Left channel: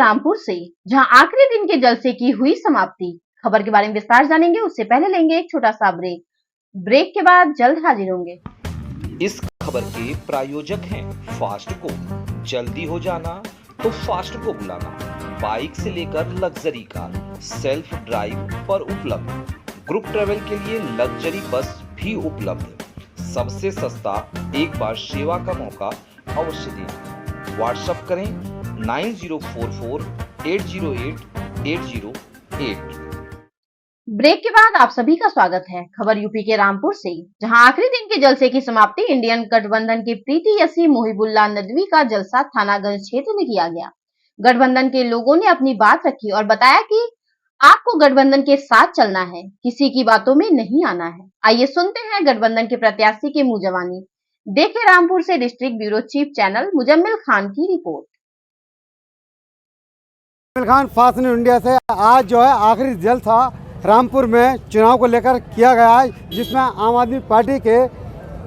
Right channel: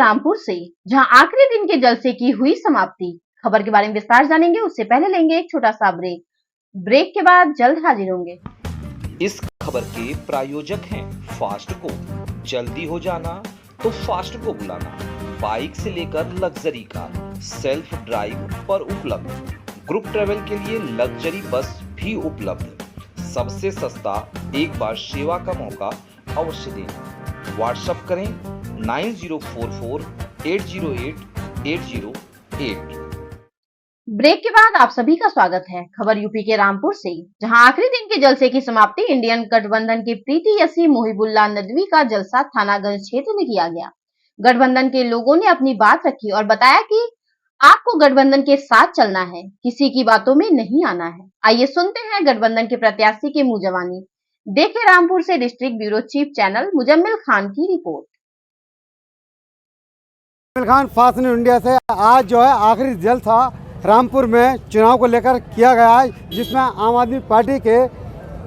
रामपुर से, जहां आखिरी दिन के जलसे की हुई समाप्ति। खबर के बारे में विस्तार जानेंगे, उससे पहले लेंगे एक छोटा सा ब्रेक। ब्रेक के बाद जल्द हाजिर होंगे। इस खबर के प्रायोजक हैं फास्ट को। जल्दी हो जाना तो फास्ट को बुलाना। बाइक से लेकर लग्जरी कार सेल्फ ड्राइव पर उपलब्ध। ग्रुप ट्रेवल के लिए लग्जरी बस भी उपलब्ध। सबसे सस्ता एक बार सेवा का मौका अवश्य दें। व्हाट्सएप करें 9044808808। ब्रेक के बाद आप सभी का स्वागत है। खबर यूपी के रामपुर से, जहां आखिरी दिन के जलसे की समाप्ति इंडियन गठबंधन के प्रीति यसी मुहिबुल्लाह नदवी का जलसा थानागंज क्षेत्र में किया गया। गठबंधन के लोगों ने अपनी बात रखी और बताया कि आपको गठबंधन के साथ चलना है, किसी की बातों में नहीं आना है। आइए सुनते हैं गठबंधन के प्रत्याशी के मुंह जबानी। देखें रामपुर से district bureau chief channel Muzammil Khan की report. Muzammil Khan, fast news India से। आज जो है आखिरी जलसा रामपुर में चुनाव को लेकर किया गया है, जिसमें आम आदमी पार्टी के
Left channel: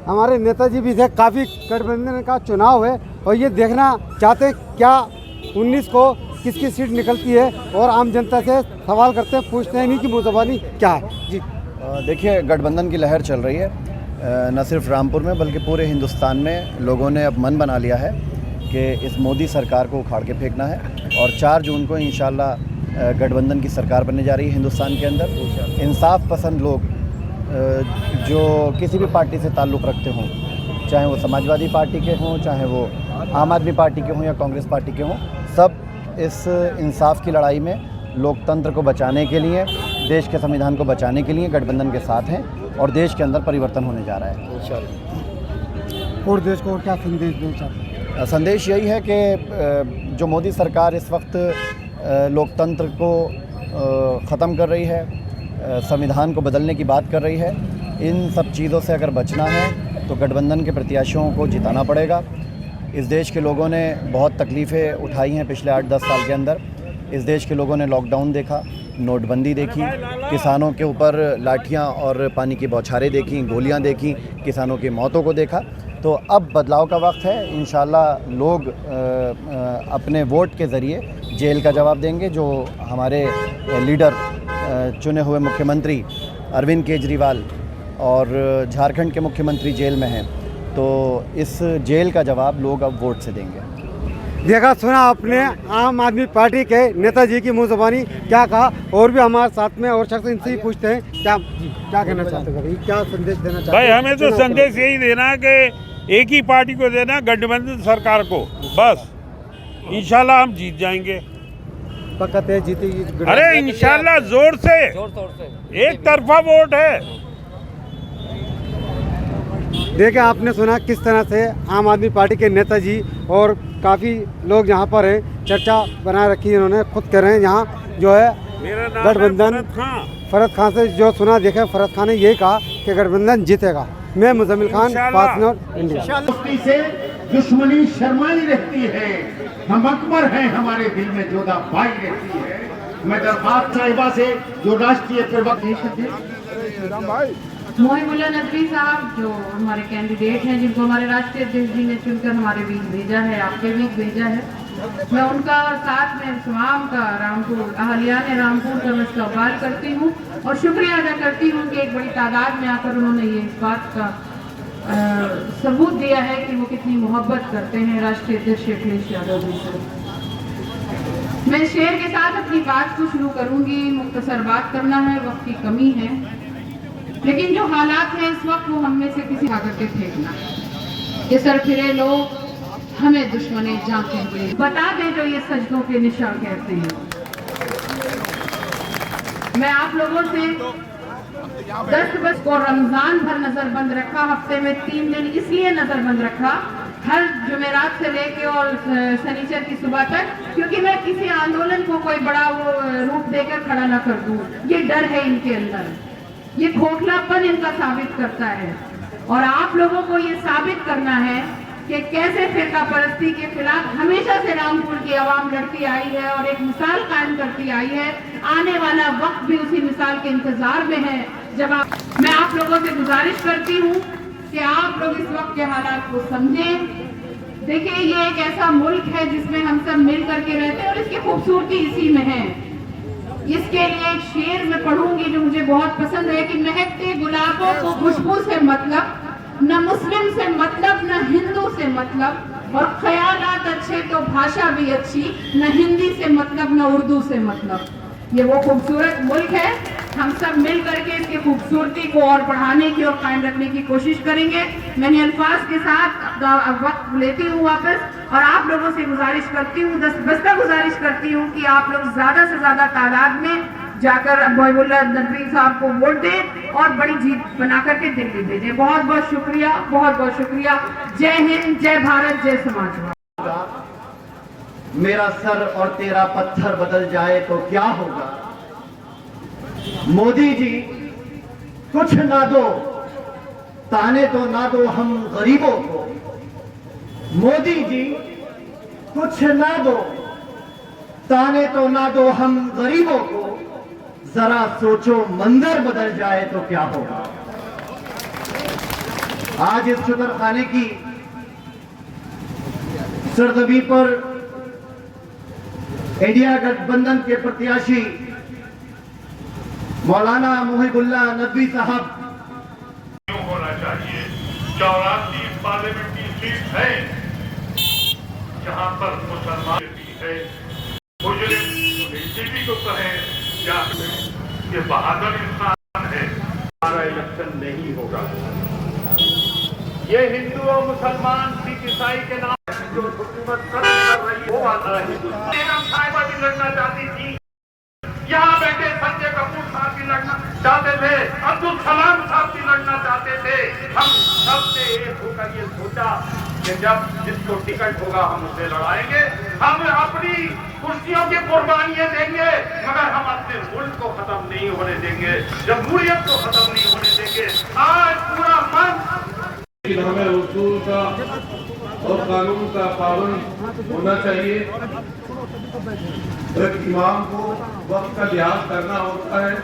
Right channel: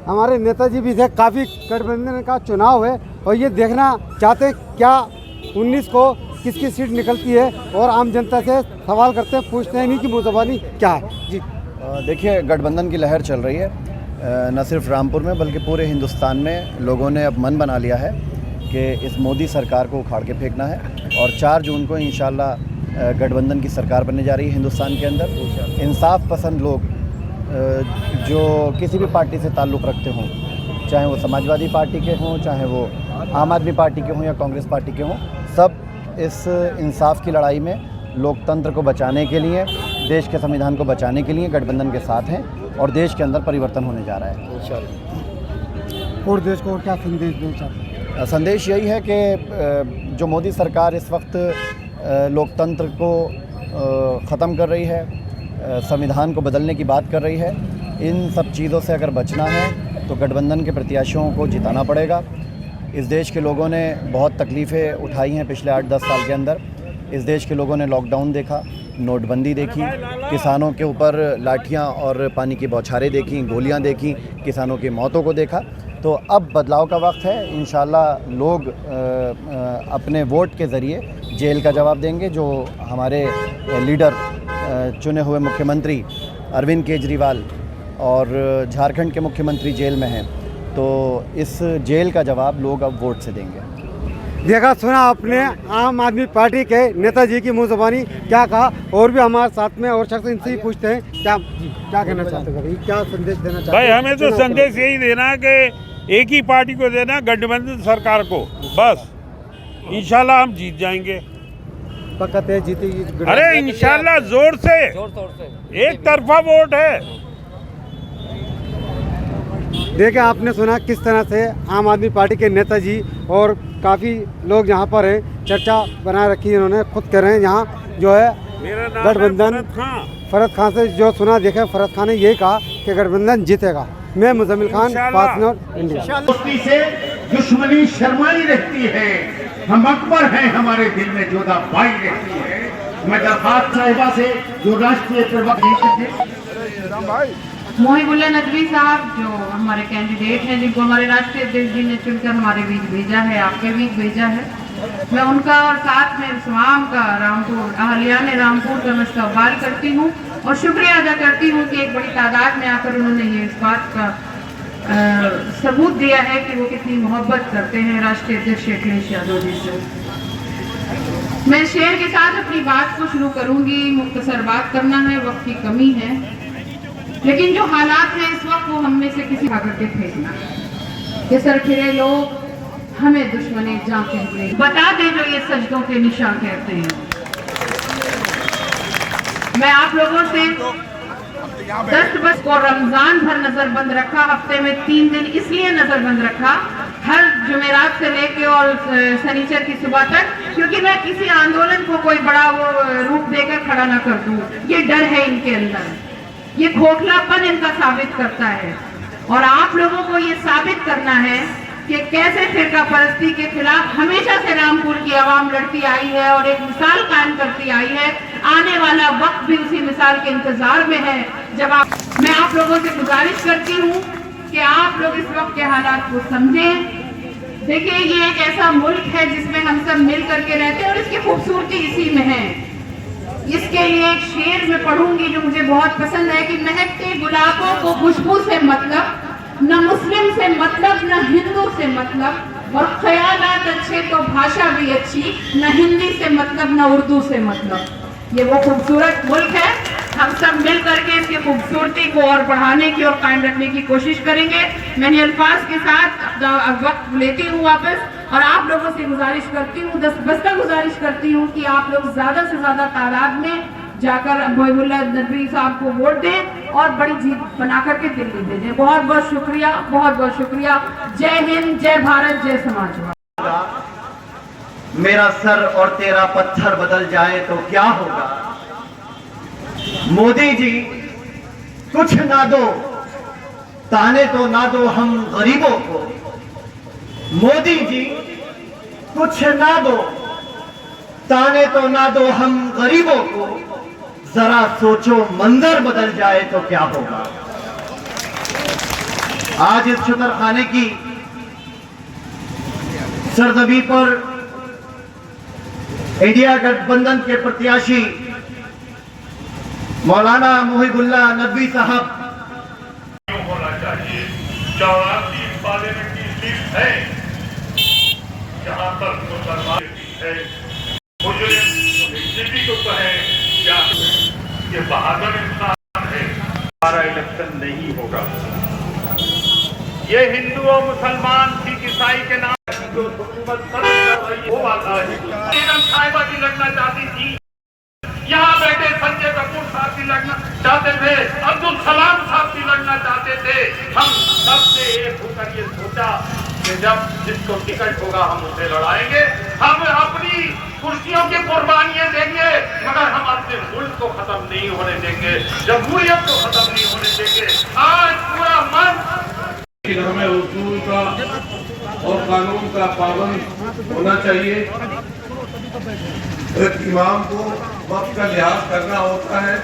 हमारे नेताजी भी थे। काफ़ी गठबंधन का चुनाव है और ये देखना चाहते हैं क्या 19 को किसकी सीट निकलती है, और आम जनता से सवाल करते हैं, पूछते हैं इन्हीं की मुंहज़बानी क्या है। जी देखिए, गठबंधन की लहर चल रही है, न सिर्फ रामपुर में बल्कि पूरे हिंदुस्तान में। लोगों ने अब मन बना लिया है कि इस मोदी सरकार को उखाड़ के फेंकना है, और 4 जून को इंशाल्लाह गठबंधन की सरकार बनने जा रही है हिंदुस्तान के अंदर। इंसाफ पसंद लोग जो किसी भी पार्टी से ताल्लुक़ रखते हों, चाहे वो समाजवादी पार्टी के हों, चाहे वो आम आदमी पार्टी के हों या कांग्रेस पार्टी के हों, सब इस इंसाफ की लड़ाई में लोकतंत्र को बचाने के लिए, देश के संविधान को बचाने के लिए गठबंधन के साथ हैं, और देश के अंदर परिवर्तन होने जा रहा है इंशाल्लाह। और देश को क्या संदेश देना चाहते हैं? संदेश यही है कि जो मोदी सरकार इस वक्त लोकतंत्र को ख़त्म कर रही है, संविधान को बदलने की बात कर रही है, इन सब चीज़ों से अगर बचना है तो गठबंधन के प्रत्याशियों को जिताना पड़ेगा। इस देश के लोगों ने बहुत तकलीफ़ें उठाई हैं पिछले 8-10 साल के अंदर। इस देश के लोगों ने लॉकडाउन देखा, नोटबंदी देखी, किसानों के ऊपर लाठियां और पानी की बौछारें देखी, गोलियां देखी, किसानों की मौतों को देखा। तो अब बदलाव का वक्त है। इंशाल्लाह लोग अपने वोट के ज़रिए जेल का जवाब देंगे। जो हमारे लीडर चुने हुए मुख्यमंत्री अरविंद केजरीवाल और झारखंड के मुख्यमंत्री जेल में हैं, तो इस जेल का जवाब लोग अब वोट से देंगे। देखा सुना आपने आम आदमी पार्टी के नेताजी की मुंहज़बानी क्या कहा। और भी हमारे साथ में और शख्स, इनसे ही पूछते हैं क्या कहना चाहते हैं, क्या संदेश देना चाहते हैं? भाई हमें तो संदेश यही देना है कि एक ही पार्टी को देना, गठबंधन सरकार को। बस इंशाल्लाह हम जीत जाएंगे। पक्का तय जीतेगी? अरे इंशाल्लाह जोर से एक तरफा वोट है। देखिए, आपने सुना किस तरह से आम आदमी पार्टी के नेताजी और काफ़ी लोग यहाँ पर हैं, चर्चा बना रखी है इन्होंने। खुद कह रहे हैं यहाँ जो है गठबंधन, फरद खान से जो सुना देखे, फरद खान ने यही कहा कि गठबंधन जीतेगा। मैं Muzammil Khan, fast news India. से दुश्मनी शर्माई रहती है, हम अकबर हैं, हमारे दिल में जोधा बाई रहती है। मैं दरबार साहिबा से जो राष्ट्रीय प्रवक्ता मुहिबुल्लाह नदवी साहब, जो हमारे कैंडिडेट हैं, जिनको हमारे राष्ट्रीय अध्यक्ष जी ने चुनकर हमारे बीच भेजा है, आपके बीच भेजा है, मैं उनका साथ में तमाम का रामपुर अहलियान रामपुर का मैं इस्तकबाल करती हूँ और शुक्रिया अदा करती हूँ कि एक बड़ी तादाद में आकर उन्होंने ये इस बात का सबूत दिया है कि वो कितनी मोहब्बत करते हैं राष्ट्रीय अध्यक्ष अखिलेश यादव जी से। मैं शेर के साथ अपनी बात को शुरू करूँगी। मुख्तसर बात करना है, वक्त की कमी है, लेकिन जो हालात है इस वक्त वो हम में से किसी आकर के फेंकना। ये सरखिरे लोग हमें दुश्मनी जान कहते हैं, बता दे जो ये सजदों के निशान कहते हैं। मैं आप लोगों से 10 बस को रमजान भर नजरबंद रखा, हफ्ते में 3 दिन इसलिए नजरबंद रखा, हर जुमेरात से लेके और शनिचर की सुबह तक, क्योंकि मैं किसी आंदोलन को कोई बड़ा वो रूप देकर खड़ा ना कर दूं। ये डर है इनके अंदर, ये खोखलापन इनका साबित करता है, और आप लोगों को ये साबित करना है कि कैसे फिरका परस्ती के खिलाफ हमेशा से रामपुर की आवाम लड़ती आई है और एक मिसाल कायम करती आई है। आने वाला वक्त भी उसी मिसाल के इंतजार में है। जब मैं आप लोगों से गुजारिश करती हूँ कि आप लोग इस वक्त के हालात को समझें, देखिए, ये एक ऐसा मुल्क है जिसमें हम सब मिल करके रहते हैं और इसकी खूबसूरती इसी में है। इसके लिए एक शेर में पढ़ूंगी जो मुझे बहुत पसंद है कि महकते गुलाबों को खुशबू से मतलब, न मुस्लिम से मतलब, न हिंदू से मतलब, और ख्यालात अच्छे तो भाषा भी अच्छी, न हिंदी से मतलब न उर्दू से मतलब। ये वो खूबसूरत मुल्क है। हम सब मिल करके इसकी खूबसूरती को और बढ़ाने की और कायम रखने की कोशिश करेंगे। मैंने अल्फाज के साथ वक्त लेती हूँ वापस, और आप लोगों से गुजारिश करती हूँ, बस्ता गुजारिश करती हूँ कि आप लोग ज्यादा से ज्यादा तादाद में जाकर मोहिबुल्लाह नदवी साहब को वोट दें और बड़ी जीत बना करके दिल्ली भेजें। बहुत बहुत शुक्रिया, बहुत बहुत शुक्रिया। जय हिंद, जय भारत, जय समाज। मेरा सर और तेरा पत्थर बदल जाए तो क्या होगा। मोदी जी कुछ ना दो, ताने तो ना दो हम गरीबों को। मोदी जी कुछ ना दो, ताने तो ना दो हम गरीबों को। जरा सोचो मंजर बदल जाए तो क्या होगा। आज इस शुतरखाने की सरजमी पर इंडिया गठबंधन के प्रत्याशी मौलाना मोहिबुल्लाह नदवी साहब होना चाहिए। 84 पार्लियामेंट्री सीट है जहां पर मुसलमान है। मुजरिम बीजेपी को कहे या ये बहादुर इंसान है, हमारा इलेक्शन नहीं होगा। ये हिंदू और मुसलमान सिख ईसाई के नाम जो हुकूमत कर रही है वो आता है। साहिबा भी लड़ना चाहती थी, यहाँ बैठे संजय कपूर साहब भी लड़ना चाहते थे, अब्दुल कलाम साहब भी लड़ना चाहते थे। हम सबसे एक होकर ये सोचा कि जब जिसको टिकट होगा हम उसे लड़ाएंगे। हम अपनी कुर्सियों की कुर्बानियां देंगे, मगर हम अपने मुल्क को खत्म नहीं होने देंगे, जमहूरियत को खत्म नहीं होने देंगे। आज पूरा मन, लेकिन हमें उसूल का और कानून का पाबंद होना चाहिए। एक इमाम को वक्त का लिहाज करना होता है,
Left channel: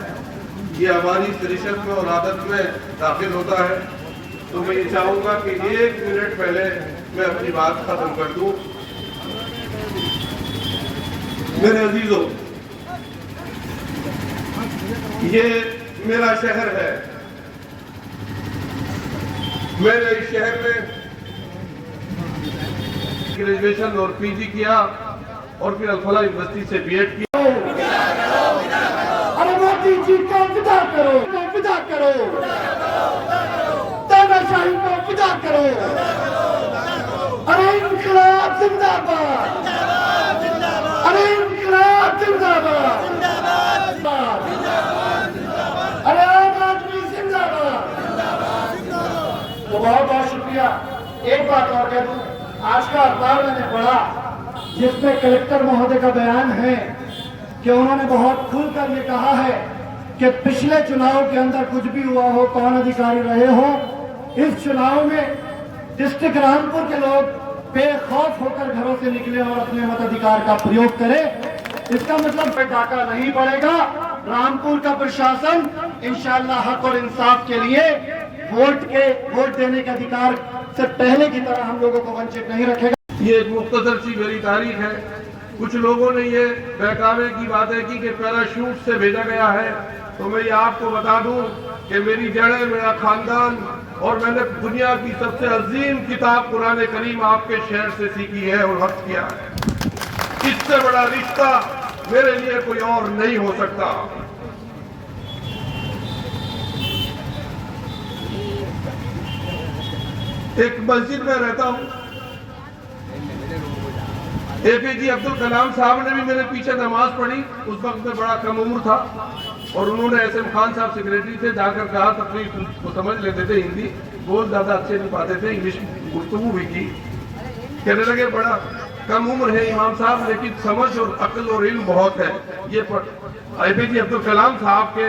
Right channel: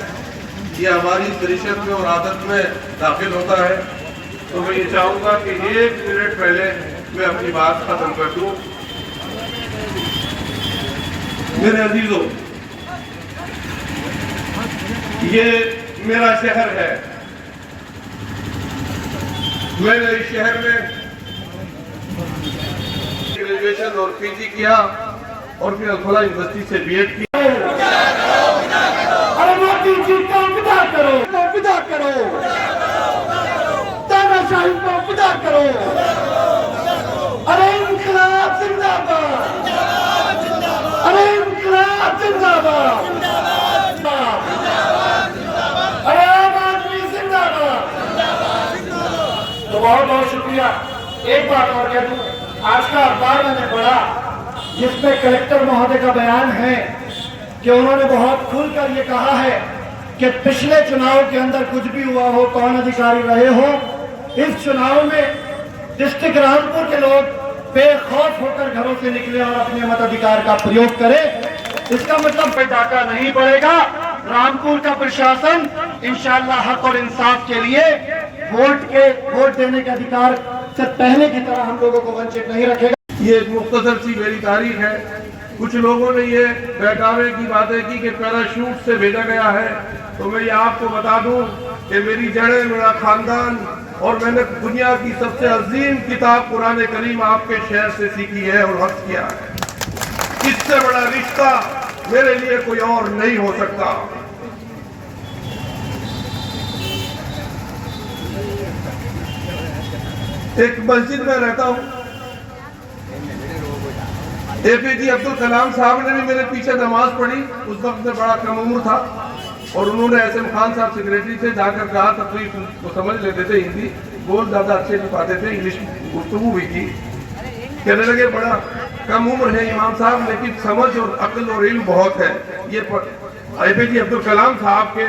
ये हमारी तरीक़त में और आदत में दाखिल होता है। तो मैं ये चाहूँगा कि 1 मिनट पहले मैं अपनी बात खत्म कर दूँ। मेरे अजीजों, ये मेरा शहर है। मैंने इस शहर में ग्रेजुएशन और पीजी किया और फिर अल-फलाह यूनिवर्सिटी से बीएड किया। अरे मोदी जी को विदा करो, विदा करो, तानाशाही को विदा करो। अरे इंकलाब जिंदाबाद, अरे इंकलाब जिंदाबाद, अरे आम आदमी जिंदाबाद। तो बहुत बहुत शुक्रिया। एक बात और कह दूं, आज का अखबार मैंने पढ़ा जिसमें कलेक्टर महोदय का बयान है कि उन्होंने बहुत खुलकर ये कहा है कि पिछले चुनाव के अंदर कुछ भी हुआ हो, कौन अधिकारी रहे हो, इस चुनाव में डिस्ट्रिक्ट रामपुर के लोग बेखौफ होकर घरों से निकले और अपने मताधिकार का प्रयोग करें। इसका मतलब पे डाका नहीं पड़ेगा। रामपुर का प्रशासन इंशाअल्लाह हक और इंसाफ के लिए वोट देने के अधिकार से पहले की तरह हम लोगों को वंचित नहीं रखेगा। ये एक मुख्तसर सी मेरी तारीख है। कुछ लोगों ने ये बहकावे की बातें की कि पैराशूट से भेजा गया है। तो मैं ये आपको बता दूं कि मेरी जड़ें, मेरा खानदान और मैंने दुनिया की सबसे अजीम किताब कुरान करीम आपके शहर से सीखी है और हक किया है। इससे बड़ा रिश्ता मेरे लिए कोई और नहीं हो सकता। एक मस्जिद में रहता हूँ। APJ अब्दुल कलाम साहब ने भी मेरे पीछे नमाज पढ़ी। उस वक्त में बड़ा कम उम्र था और उन्होंने एसएम खान साहब सेक्रेटरी से जाकर कहा, तकलीफ वो समझ लेते थे, हिंदी बोल ज़्यादा अच्छे नहीं पाते थे, इंग्लिश गुफ्तगू भी की। कहने लगे बड़ा कम उम्र है इमाम साहब, लेकिन समझ और अक्ल और इल्म बहुत है। ये APJ अब्दुल कलाम साहब के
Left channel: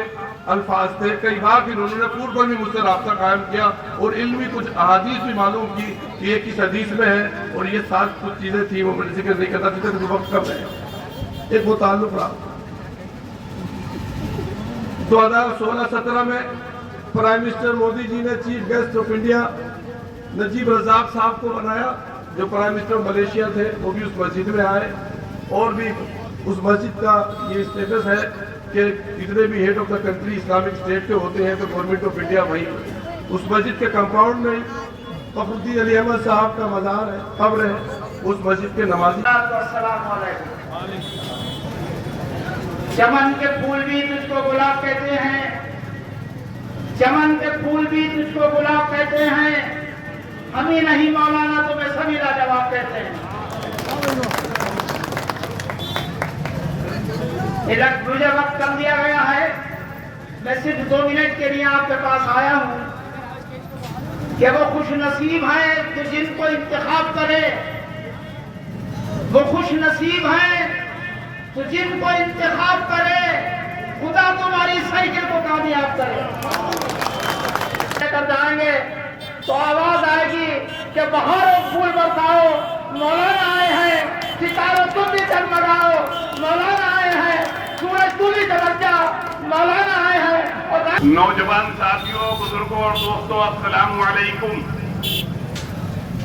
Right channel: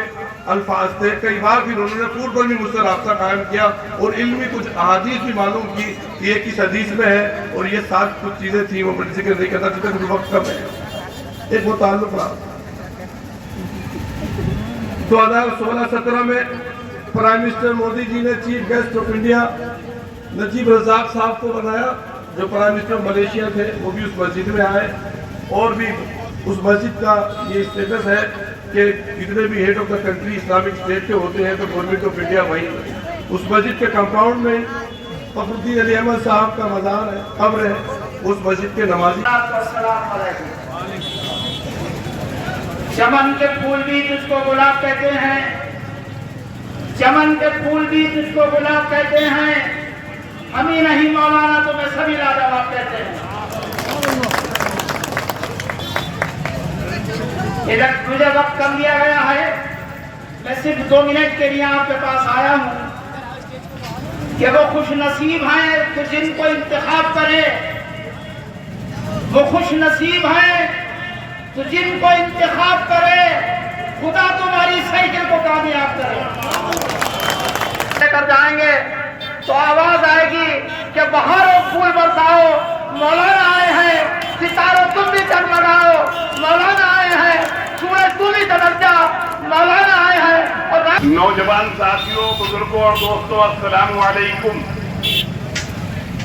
अल्फाज थे। कई बार फिर उन्होंने पूर्व में मुझसे रास्ता कायम किया और इल्मी कुछ अहादीस भी मालूम की कि ये किस हदीस में है और ये साथ कुछ चीज़ें थी वो मुझे जिक्र नहीं करता था, मुझे वक्त कम है। एक वो ताल्लुक रहा 2016-17 में प्राइम मिनिस्टर मोदी जी ने chief guest of India Najib Razak साहब को बनाया जो प्राइम मिनिस्टर मलेशिया थे वो भी उस मस्जिद में आए, और भी उस मस्जिद का ये स्टेटस है कि जितने भी head of the country Islamic state के होते हैं तो गवर्नमेंट ऑफ इंडिया वहीं उस मस्जिद के कंपाउंड में फखरुद्दीन अली अहमद साहब का मज़ार है, कब्र है, उस मस्जिद के नमाजी। चमन के फूल भी तुझको गुलाब कहते हैं, चमन के फूल भी तुझको गुलाब कहते हैं, हम ही नहीं मौलाना तुम्हें सभी लाजवाब कहते हैं। इधर तुझे वक्त कम दिया गया है, मैं सिर्फ 2 मिनट के लिए आपके पास आया हूँ कि वो खुश नसीब हैं कि जिनको इंतखाब करे, वो खुश नसीब हैं तो जिनको इंतखाब करे, खुदा तुम्हारी साइकिल को कामयाब करे। कर जाएंगे तो आवाज आएगी कि बहारों फूल बरसाओ, मौलाना आए हैं, सितारों तुम भी जगमगाओ, मौलाना आए हैं, सूरज तुम भी चमक जा, मौलाना आए हैं। और नौजवान साथियों, बुजुर्गों और दोस्तों, अस्सलाम वालेकुम।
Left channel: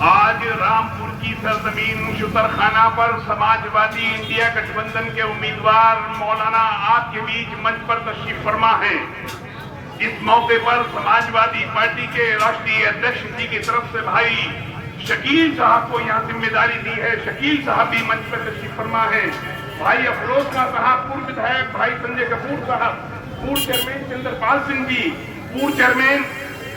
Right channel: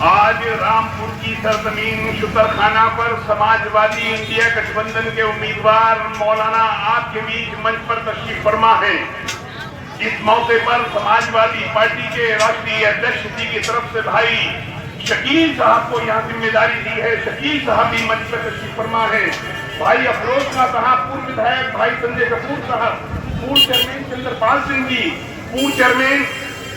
आज रामपुर की सरजमीन शुकरखाना पर समाजवादी इंडिया गठबंधन के उम्मीदवार मौलाना आपके बीच मंच पर तशरीफ फरमा है। इस मौके पर समाजवादी पार्टी के राष्ट्रीय अध्यक्ष जी की तरफ से भाई शकील साहब को यहाँ जिम्मेदारी दी है। शकील साहब भी मंच पर तशरीफ फरमा है। भाई अफरोज साहब, पूर्व विधायक भाई संजय कपूर साहब, पूर्व चेयरमैन चंद्रपाल सिंह जी, पूर्व चेयरमैन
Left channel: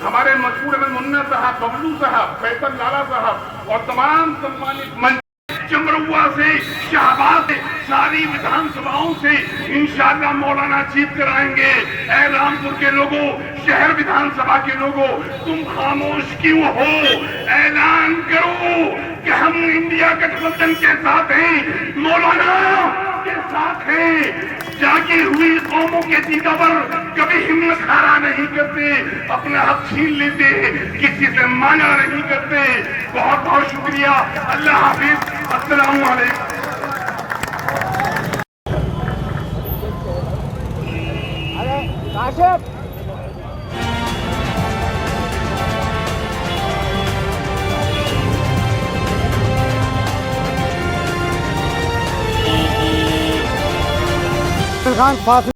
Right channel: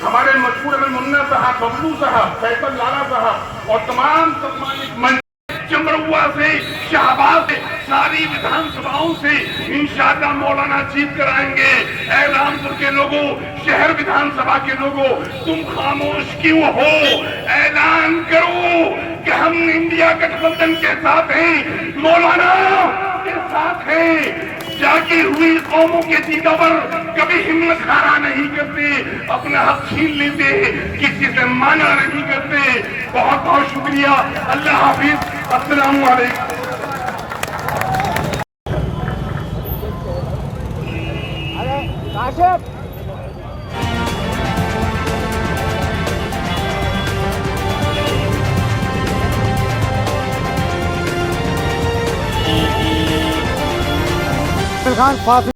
हमारे मशहूर मुन्ना साहब, बबलू साहब, फैसल लाला साहब और तमाम सम्मानित मंच चमरुआ से, शाहबाद से, सारी विधानसभाओं से इंशाअल्लाह मौलाना जीत कर आएंगे। ऐ रामपुर के लोगों, शहर विधानसभा के लोगों, तुम खामोश क्यों हो? ऐलान करो कि हम इंडिया गठबंधन के साथ हैं, मौलाना के साथ हैं। जागी हुई कौमों के दीदा पर कभी हिम्मत हारा नहीं करते, अपना हक छीन लेते, किसी से माना नहीं करते। बहुत बहुत शुक्रिया। अल्लाह हाफिज। अस्सलामु अलैकुम। खान फासिल